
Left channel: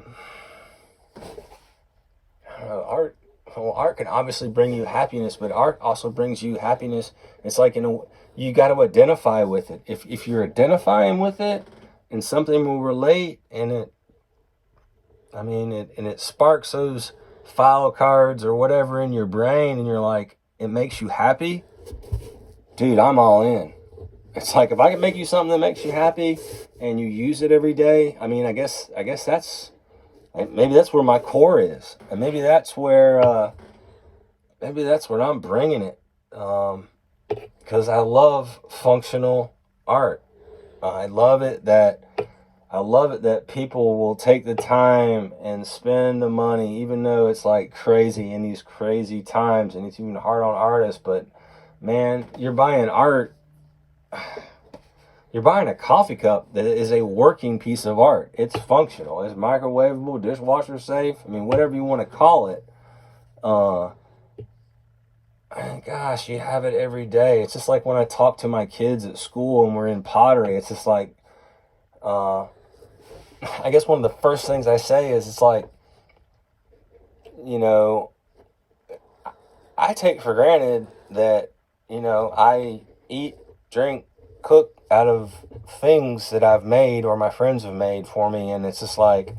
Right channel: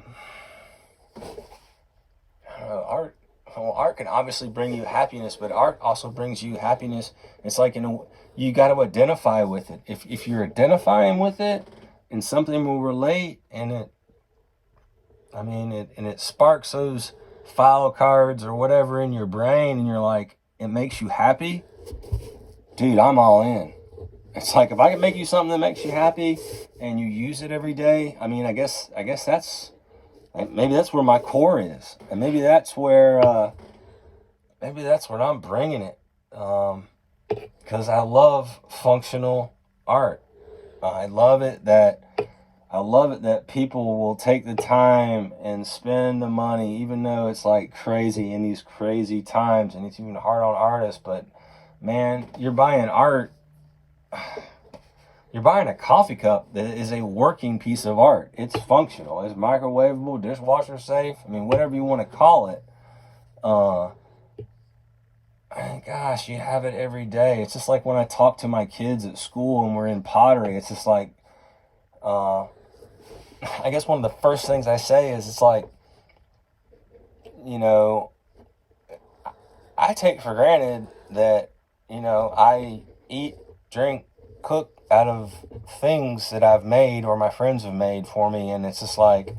can obviously bring you happiness, but art also brings you happiness. It's like, you got to identify with it. If you're identifying with it and something will relate, and it sparks those file cards or whatever in your brain, and you're like, it makes you happy, dude, I'm all in. It's like, if I can make you something that makes you happy and you use it every day, I mean, I guess that's, maybe that's where my core is, and maybe that's where I'm bringing it, because I love functional art. I love it that people will take the time and spend the money, even though it's like crazy in these crazy times, and it's even hard on artists. But man, you're buying art. You're buying a coffee cup that is a working piece of art. It's functional. It's microwavable, dishwasher safe. I mean, whatever you want to call it. Gosh, you have it every day. It's just like when I talk to my kids at school and we're in pottery. It's just like, I guess one of the first things I say is, it's like, I take for granted that, I eat, drink, cook out of things that I've made or my friends have made for me. And it's just like,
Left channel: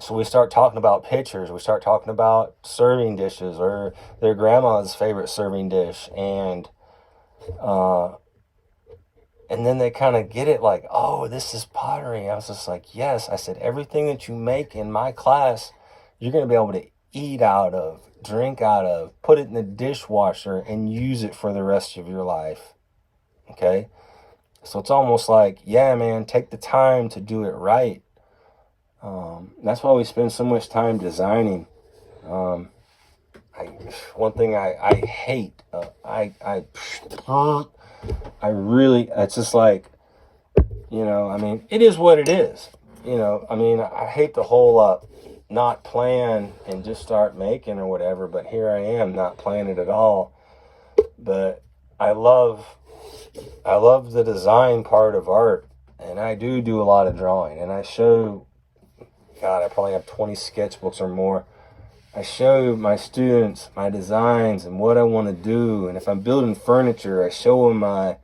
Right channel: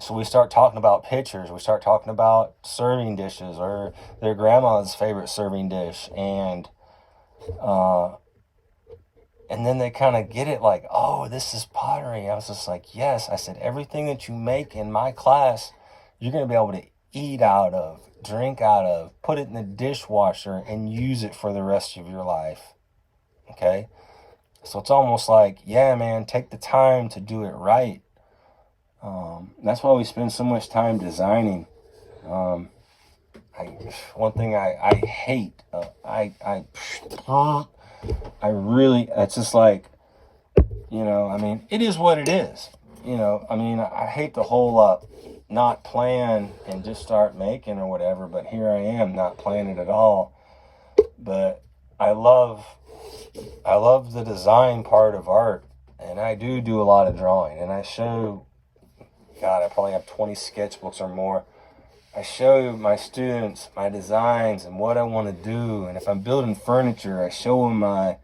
so we start talking about pictures, we start talking about serving dishes or their grandma's favorite serving dish, and then they kind of get it, like, oh, this is pottery. I was just like, yes. I said, everything that you make in my class, you're going to be able to eat out of, drink out of, put it in the dishwasher, and use it for the rest of your life. Okay? So it's almost like, yeah, man, take the time to do it right. That's why we spend so much time designing. One thing I hate, I really, it's just like, it is what it is. I hate the whole not plan and just start making or whatever, but here I am not planning at all. But I love the design part of art, and I do a lot of drawing, and I show, God, I probably have 20 sketchbooks or more. I show my students my designs and what I want to do, and if I'm building furniture, I show them I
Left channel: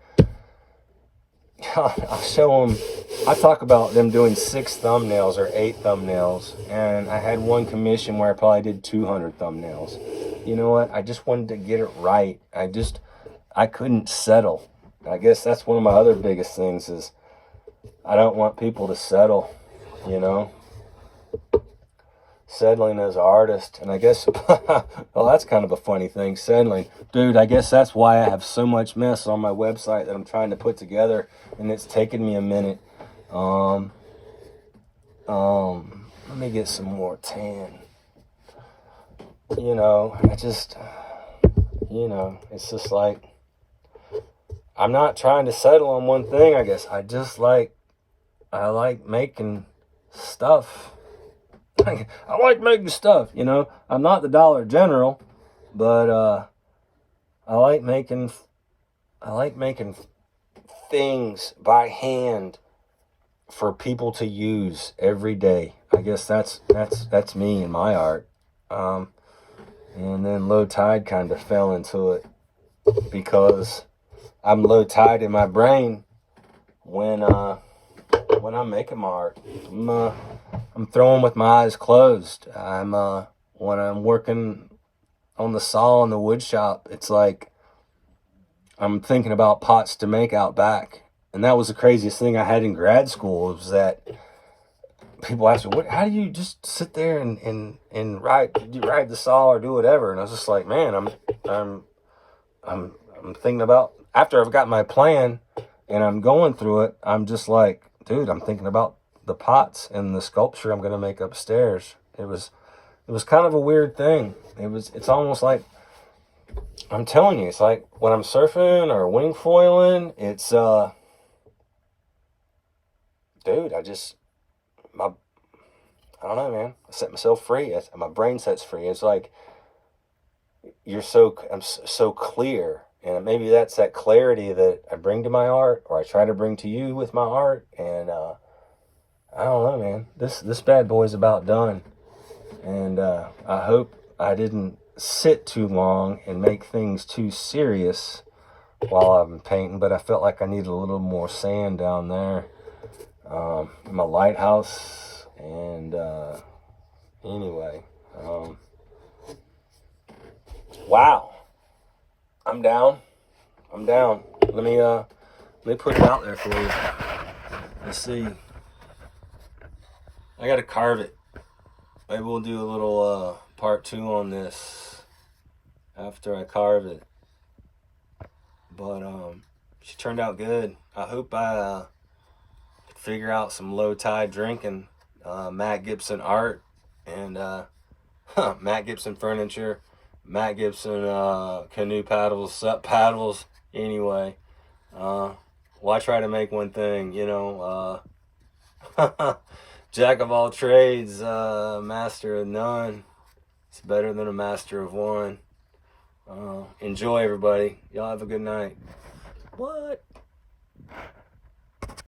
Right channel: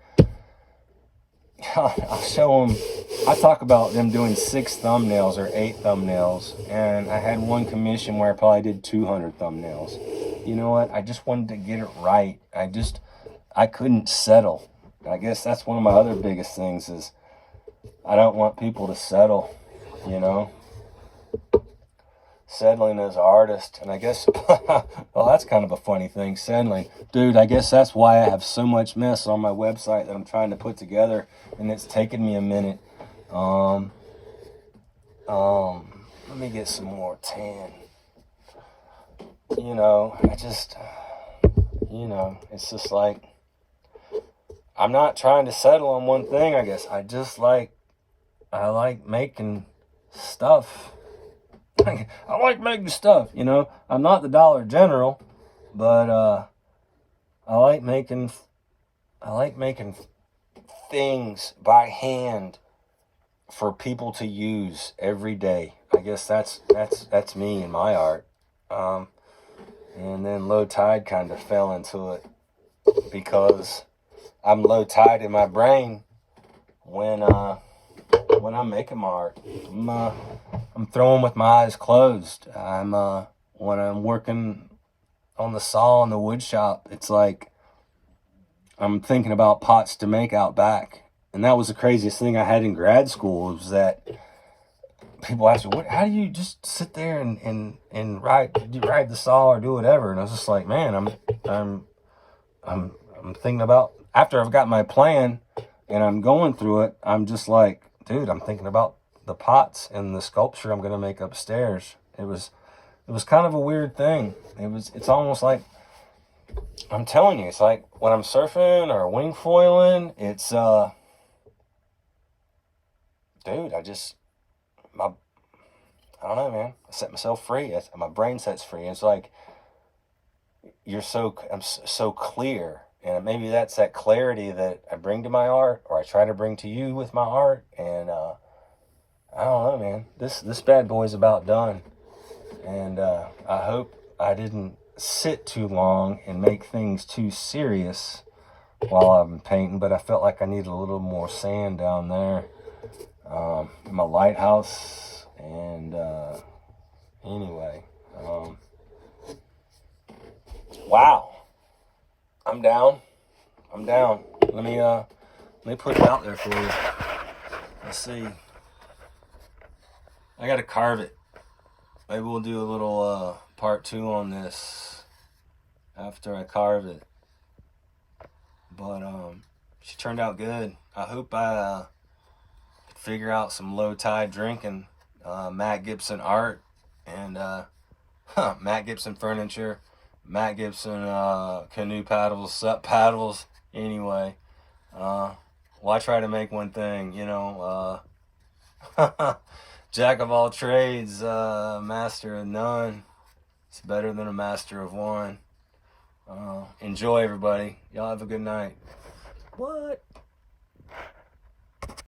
talk about them doing 6 thumbnails or 8 thumbnails, and I had one commission where I probably did 200 thumbnails. You know what? I just wanted to get it right. I couldn't settle. I guess that's one of my other biggest things, is I don't want people to settle, settling as an artist. And I guess, well, that's kind of a funny thing, settling. Dude, I guess that's why I have so much mess on my website that I'm trying to put together, and it's taken me a minute. Let me get some more tan. It's just like, I'm not trying to settle on one thing, I guess. I like making stuff. I like making stuff, I'm not the Dollar General, but I like making things by hand for people to use every day. I guess that's me and my art. And then Low Tide kind of fell into it because I'm low tide in my brain when I'm making my art. I'm throwing with my eyes closed. When I'm working on the saw in the wood shop, it's like I'm thinking about pots to make out back. And that was the craziest thing I had in grad school, was that people ask me, how do you just sit there and ride the saw or do whatever? And I was just like, man, I'm thinking about, after I've got my plan and I'm going through it, I'm just like, dude, I'm thinking about the pots and the sculpture I'm going to make upstairs. It was kind of a weird thing. It's almost like I'm telling you, it's like when I'm surfing or wing foiling, it's dude, I don't know, man. I set myself free. My brain sets free. It's like I'm so clear, and maybe that's that clarity that I bring to my art, or I try to bring to you with my art. And I don't know, man. This bad boy's about done, and I hope I didn't sit too long and make things too serious while I've been painting. But I felt like I needed a little more sand down there. My lighthouse, and anyway, wow, I'm down. Let me put it out there for you. Let's see. I gotta carve it. Maybe we'll do a little part 2 on this after I carve it. But she turned out good. I hope I could figure out some low tide drinking, Matt Gibson art, and Matt Gibson furniture, Matt Gibson canoe paddles, sup paddles. Anyway, why try to make one thing, you know? Jack of all trades, master of none. It's better than a master of one. Enjoy, everybody. Y'all have a good night. What?